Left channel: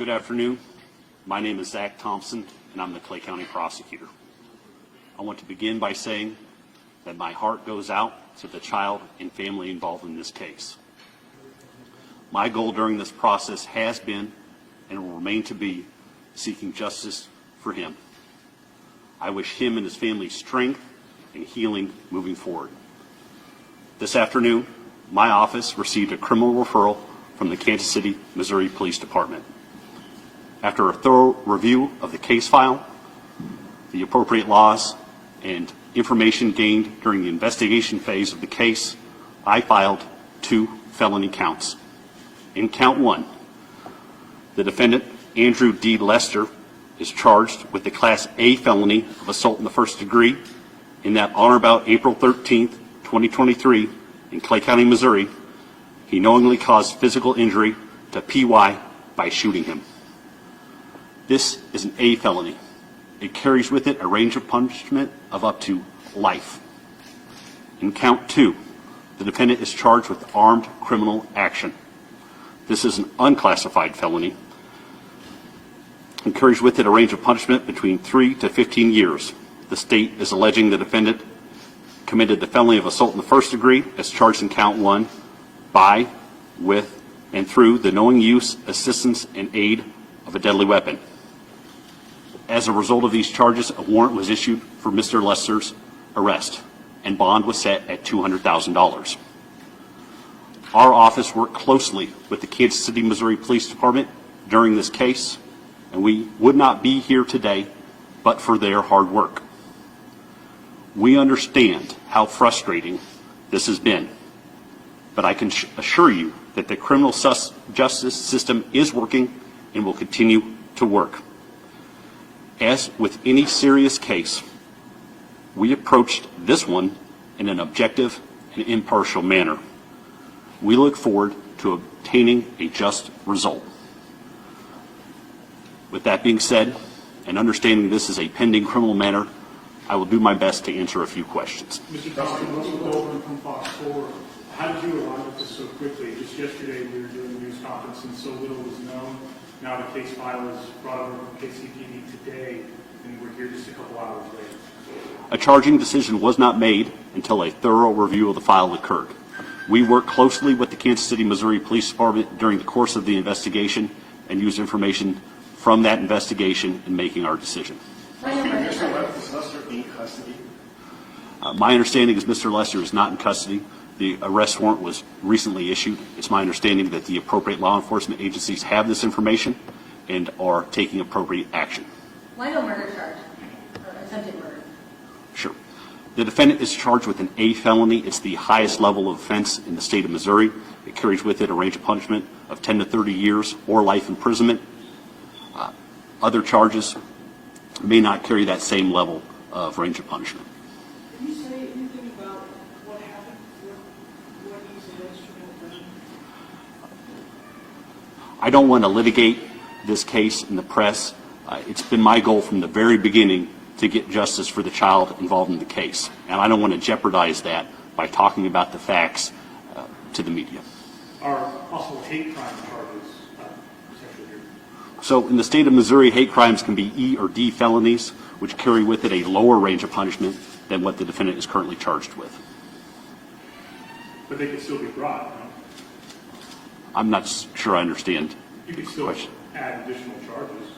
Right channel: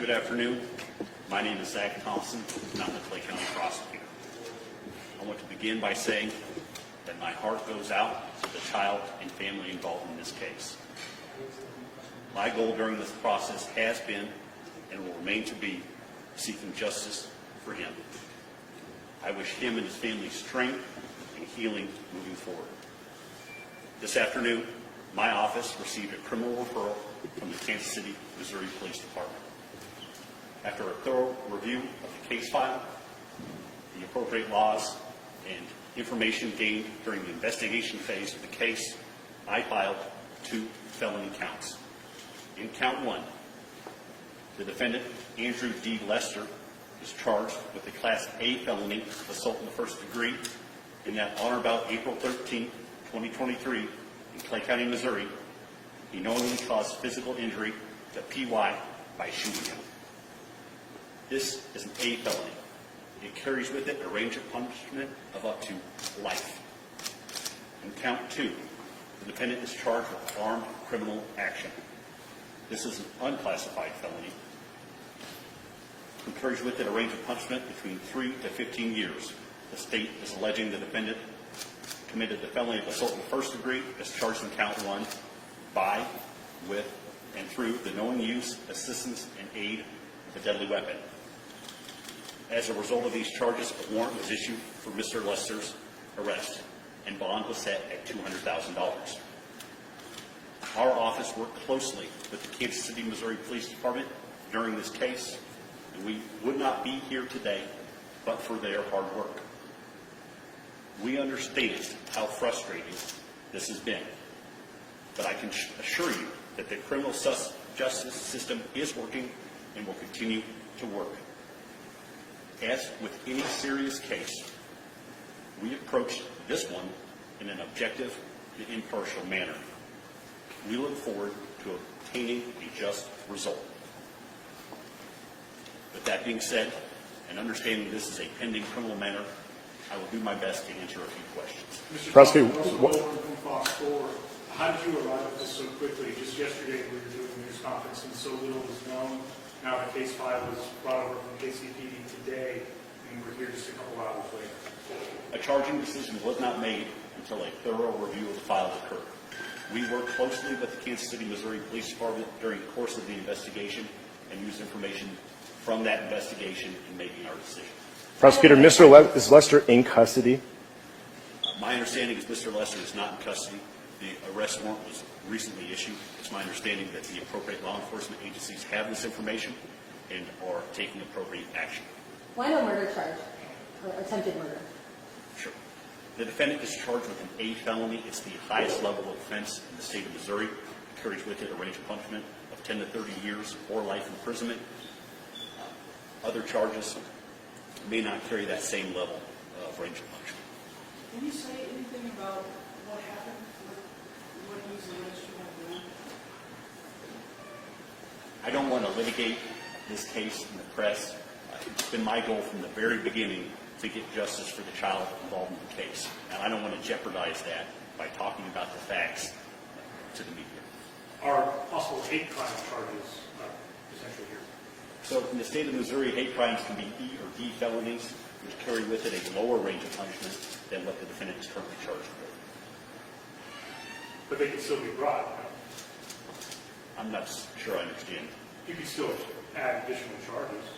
Good afternoon. My name is Zach Thompson, and I'm the Clay County Prosecutor. I want to begin by saying that my heart goes out to the child and family involved in this case. My goal during this process has been, and will remain to be, seeking justice for him. I wish him and his family strength and healing moving forward. This afternoon, my office received a criminal referral from the Kansas City, Missouri Police Department. After a thorough review of the case file, the appropriate laws, and information gained during the investigation phase of the case, I filed 2 felony counts. In count 1, the defendant, Andrew D. Lester, is charged with the Class A felony of assault in the first degree in that on or about April 13th, 2023, in Clay County, Missouri, he knowingly caused physical injury to P.Y. by shooting him. This is an A felony. It carries with it a range of punishment of up to life. In count 2, the defendant is charged with armed criminal action. This is an unclassified felony and carries with it a range of punishment between 3 to 15 years. The state is alleging the defendant committed the felony of assault in the first degree as charged in count 1 by, with, and through the knowing use, assistance, and aid of a deadly weapon. As a result of these charges, a warrant was issued for Mr. Lester's arrest, and bond was set at $200,000. Our office worked closely with the Kansas City, Missouri Police Department during this case, and we would not be here today but for their hard work. We understand how frustrating this has been, but I can assure you that the criminal justice system is working and will continue to work. As with any serious case, we approached this one in an objective and impartial manner. We look forward to obtaining a just result. With that being said, and understanding this is a pending criminal matter, I will do my best to answer a few questions. Mr. Prosecutor, from Fox 4, how did you arrive at this so quickly? Just yesterday we were doing a news conference and so little was known. Now the case file was brought over from KCPD today, and we're here just a couple hours later. A charging decision was not made until a thorough review of the file occurred. We worked closely with the Kansas City, Missouri Police Department during the course of the investigation and used information from that investigation in making our decision. Prosecutor, is Lester in custody? My understanding is Mr. Lester is not in custody. The arrest warrant was recently issued. It's my understanding that the appropriate law enforcement agencies have this information and are taking appropriate action. Why no murder charge or attempted murder? Sure. The defendant is charged with an A felony. It's the highest level of offense in the state of Missouri. It carries with it a range of punishment of 10 to 30 years or life imprisonment. Other charges may not carry that same level of range of punishment. Can you say anything about what happened with what he's alleged to have done? I don't want to litigate this case in the press. It's been my goal from the very beginning to get justice for the child involved in the case. And I don't want to jeopardize that by talking about the facts to the media. Are possible hate crime charges potentially here? So in the state of Missouri, hate crimes can be E or D felonies, which carry with it a lower range of punishment than what the defendant is currently charged with. But they could still be brought, no? I'm not sure I understand. You could still add additional charges.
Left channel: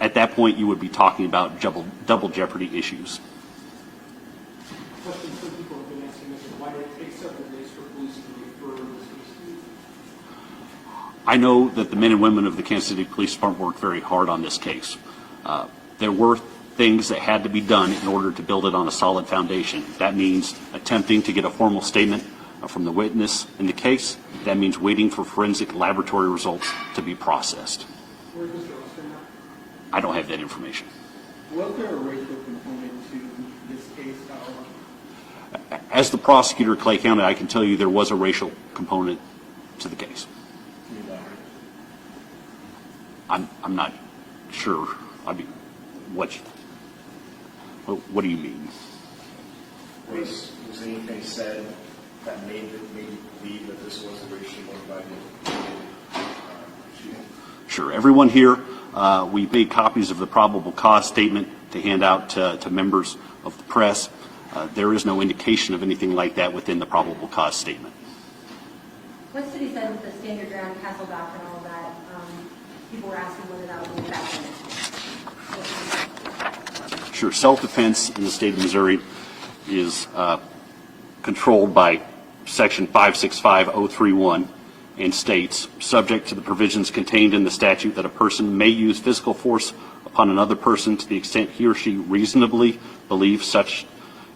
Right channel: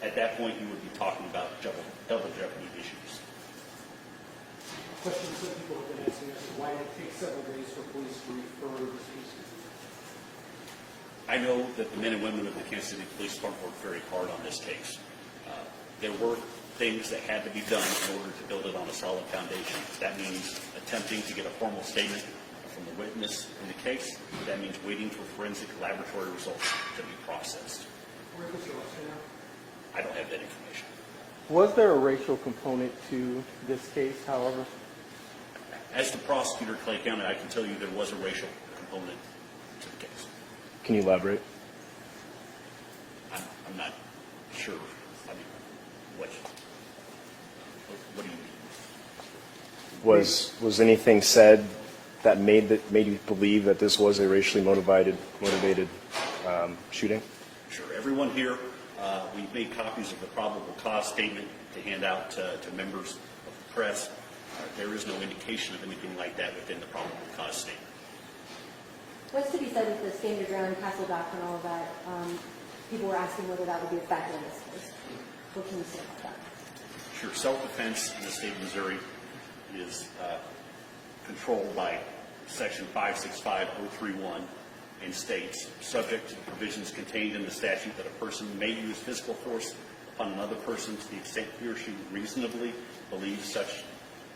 At that point, you would be talking about double jeopardy issues. Questions some people have been asking us is why did it take several days for police to refer this case to? I know that the men and women of the Kansas City Police Department worked very hard on this case. There were things that had to be done in order to build it on a solid foundation. That means attempting to get a formal statement from the witness in the case. That means waiting for forensic laboratory results to be processed. Where's Mr. Lester now? I don't have that information. Was there a racial component to this case, however? As the prosecutor of Clay County, I can tell you there was a racial component to the case. Can you elaborate? I'm not sure. I mean, what do you mean? Was anything said that made you believe that this was a racially motivated shooting? Sure. Everyone here, we made copies of the probable cause statement to hand out to members of the press. There is no indication of anything like that within the probable cause statement. What's to be said with the standard ground castle doctrinal that people were asking whether that would be effective? Sure. Self-defense in the state of Missouri is controlled by Section 565031 and states, subject to the provisions contained in the statute, that a person may use physical force upon another person to the extent he or she reasonably believes such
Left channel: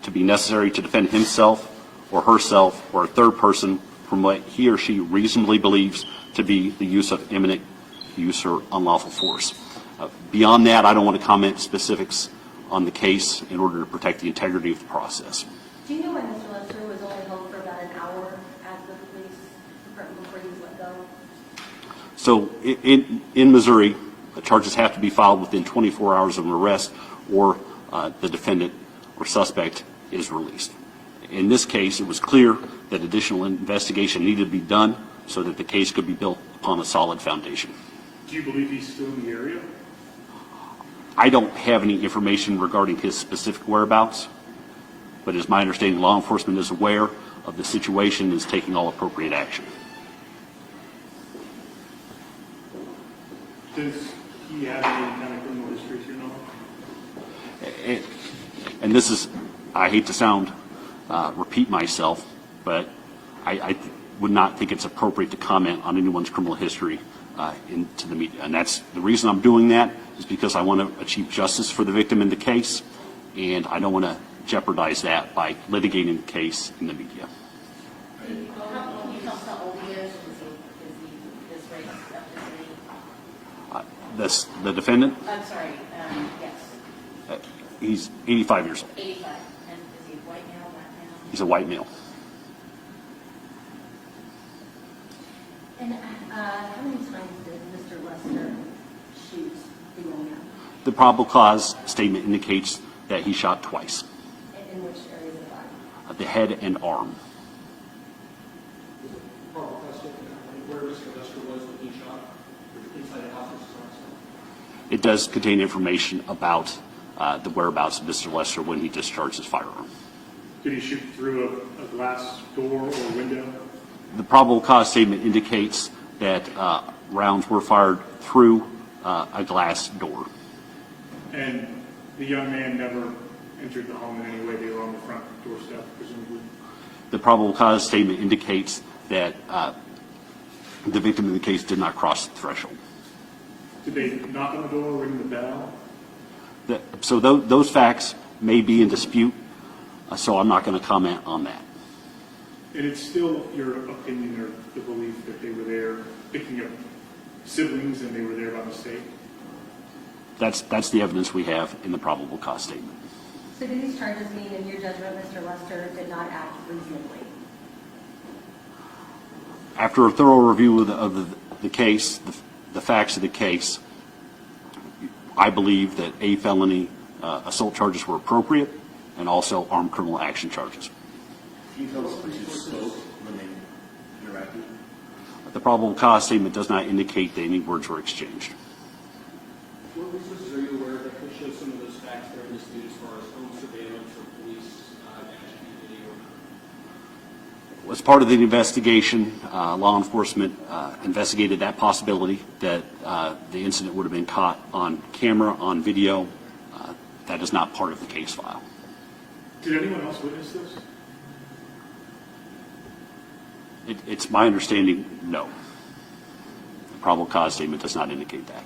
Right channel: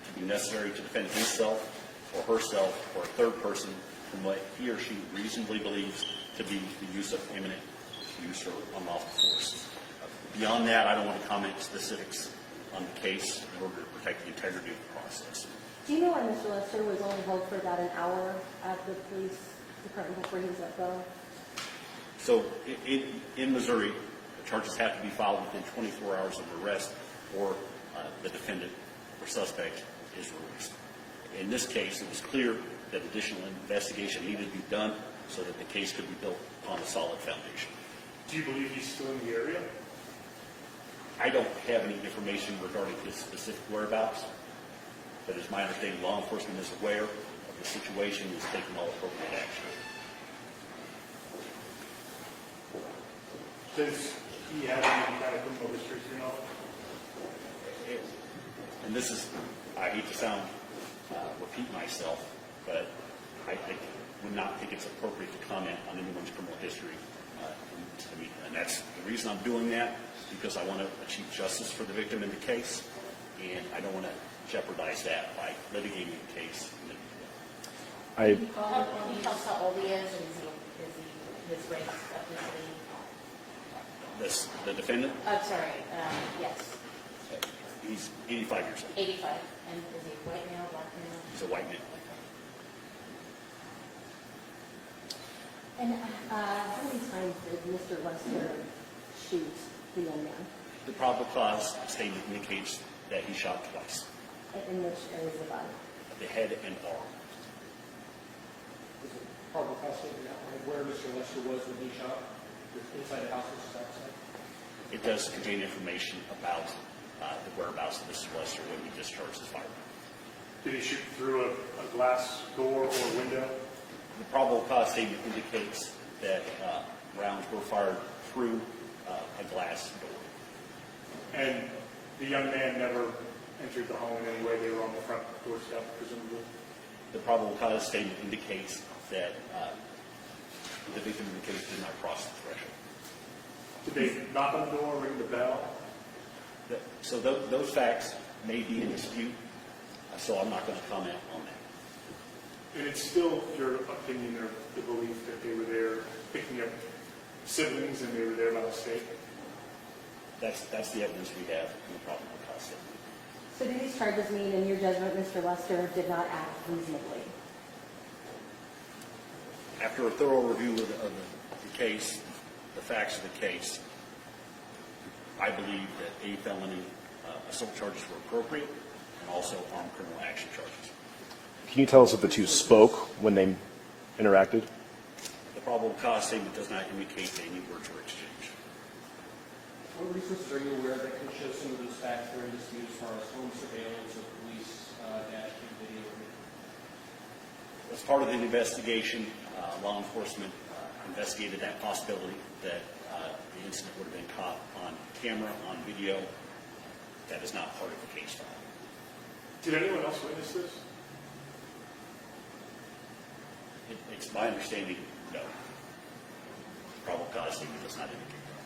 to be necessary to defend himself or herself or a third person from what he or she reasonably believes to be the use of imminent use or unlawful force. Beyond that, I don't want to comment specifics on the case in order to protect the integrity of the process. Do you know why Mr. Lester was only held for about an hour at the police department before he was let go? So in Missouri, the charges have to be filed within 24 hours of an arrest, or the defendant or suspect is released. In this case, it was clear that additional investigation needed to be done so that the case could be built upon a solid foundation. Do you believe he's still in the area? I don't have any information regarding his specific whereabouts, but it's my understanding law enforcement is aware of the situation and is taking all appropriate action. Does he have any kind of criminal history to your knowledge? And this is, I hate to repeat myself, but I would not think it's appropriate to comment on anyone's criminal history into the media. And that's the reason I'm doing that, is because I want to achieve justice for the victim in the case, and I don't want to jeopardize that by litigating the case in the media. Can you tell us how old he is, and is he this race ethnicity? The defendant, I'm sorry, yes, he's 85 years old. 85. And is he white male, black male? He's a white male. And how many times did Mr. Lester shoot the young man? The probable cause statement indicates that he shot twice, In which areas of the body? the head and arm. Probable cause statement out where Mr. Lester was when he shot, inside the house or outside? It does contain information about the whereabouts of Mr. Lester when he discharged his firearm. Did he shoot through a glass door or window? The probable cause statement indicates that rounds were fired through a glass door. And the young man never entered the home in any way? They were on the front doorstep, presumably? The probable cause statement indicates that the victim in the case did not cross the threshold. Did they knock on the door, ring the bell? So those facts may be in dispute, so I'm not going to comment on that. And it's still your opinion or the belief that they were there picking up siblings and they were there by mistake? That's the evidence we have in the probable cause statement. So do these charges mean, in your judgment, Mr. Lester did not act reasonably? After a thorough review of the case, the facts of the case, I believe that a felony assault charges were appropriate, and also armed criminal action charges. Can you tell us if the two spoke when they interacted? The probable cause statement does not indicate that any words were exchanged. What resources are you aware of that could show some of those facts that are in dispute as far as home surveillance or police dash video? As part of the investigation, law enforcement investigated that possibility that the incident would have been caught on camera, on video. That is not part of the case file. Did anyone else witness this? It's my understanding, no. The probable cause statement does not indicate that.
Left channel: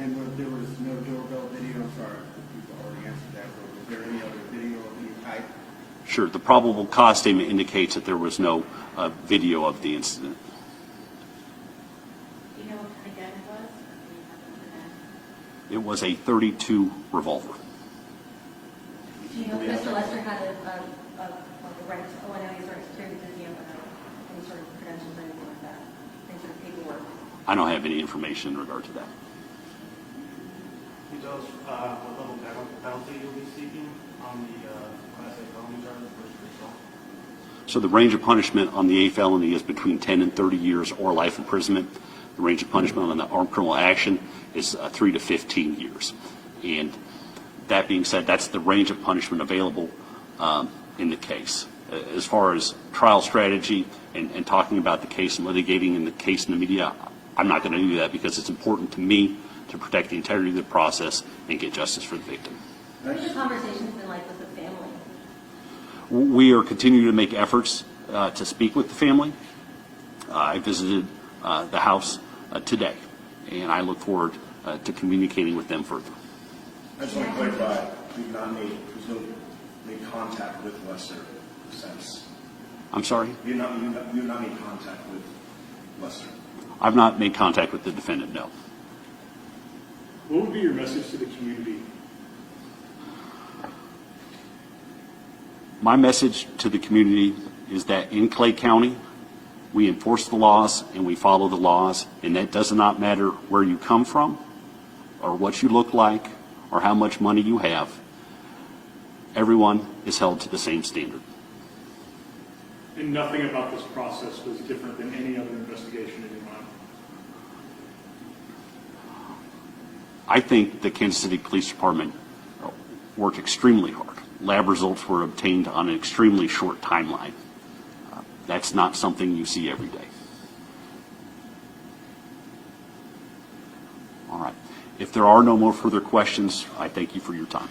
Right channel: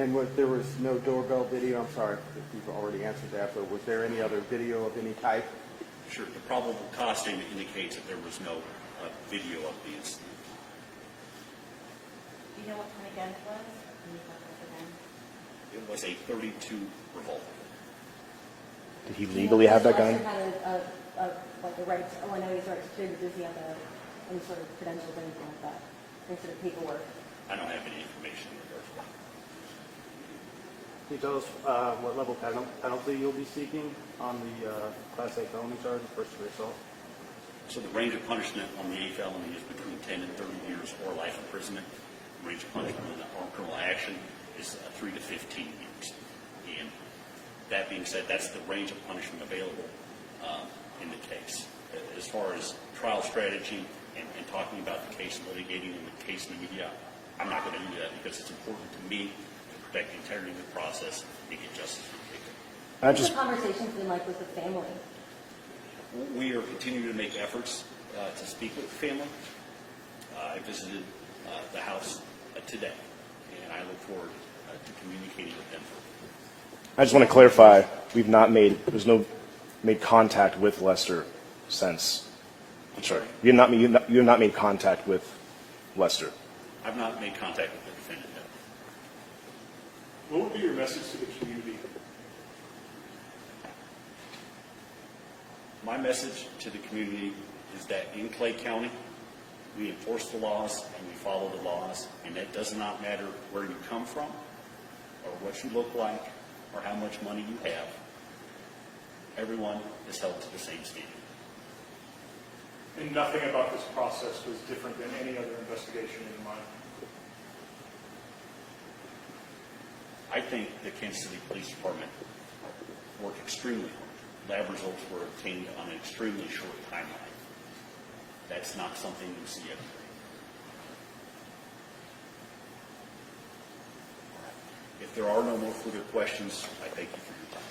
And there was no doorbell video? I'm sorry if you've already answered that, but was there any other video of any type? Sure, the probable cause statement indicates that there was no video of the incident. Do you know what kind of gun it was? Can you talk about the gun? It was a .32 revolver. Did he legally have that gun? Mr. Lester had like a right to, I know he's right to security, does he have any sort of credentials, anything like that? Any sort of paperwork? I don't have any information in regard to that. Can you tell us what level penalty you'll be seeking on the Class A felony charge, first degree assault? So the range of punishment on the A felony is between 10 and 30 years or life imprisonment. The range of punishment on the armed criminal action is 3 to 15 years. And that being said, that's the range of punishment available in the case. As far as trial strategy and talking about the case and litigating in the case in the media, I'm not going to do that because it's important to me to protect the integrity of the process and get justice for the victim. What's the conversations been like with the family? We are continuing to make efforts to speak with the family. I visited the house today, and I look forward to communicating with them further. I just want to clarify, there's no made contact with Lester since. I'm sorry? You have not made contact with Lester. I've not made contact with the defendant, no. What would be your message to the community? My message to the community is that in Clay County, we enforce the laws and we follow the laws, and that does not matter where you come from or what you look like or how much money you have. Everyone is held to the same standard. And nothing about this process was different than any other investigation in your mind? I think the Kansas City Police Department worked extremely hard. Lab results were obtained on an extremely short timeline. That's not something you see every day. All right. If there are no more further questions, I thank you for your time.